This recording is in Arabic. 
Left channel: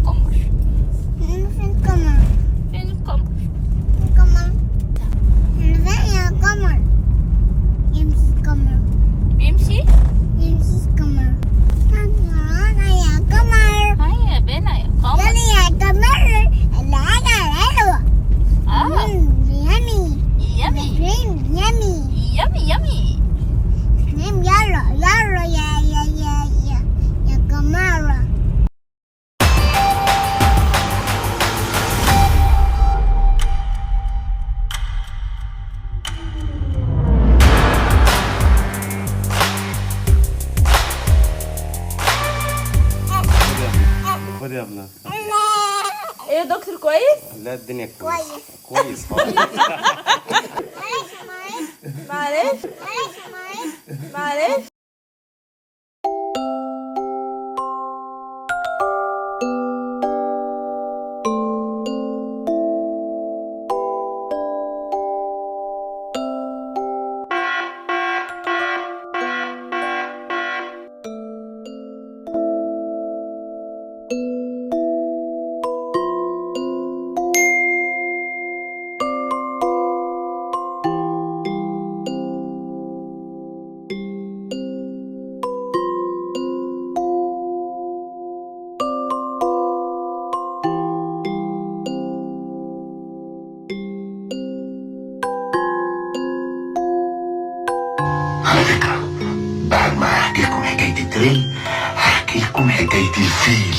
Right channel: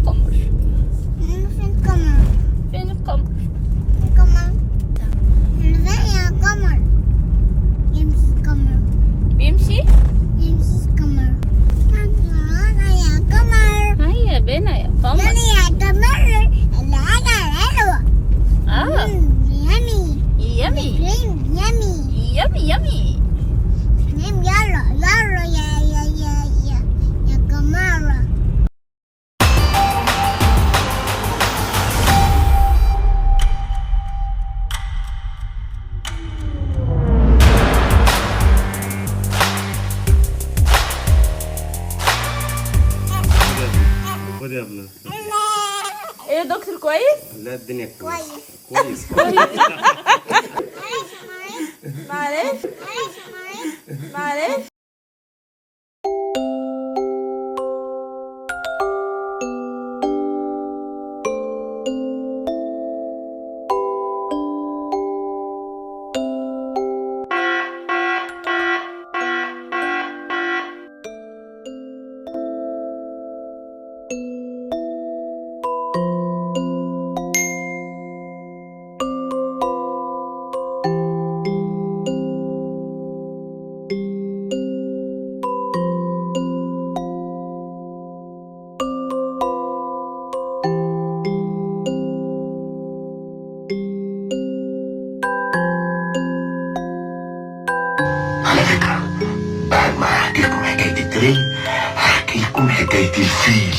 القمر؟ فين القمر؟ فين القمر؟ القمر فين يا قمر؟ يمشي القمر. بيمشي؟ يمشي القمر. يلا يا قمر. هيا بينا يا قمر. يلا يا قمر. العجلة حلوة. يمي. يمي يمي. يمي يمي. يلا يلا يا قمر. خد يا ابني. ايه يا دكتور كويس؟ لا الدنيا كويس. كويس. معلش معلش. على فكرة بعد ما احكي لكم حكاية التريل هحكي لكم حكاية الفيل.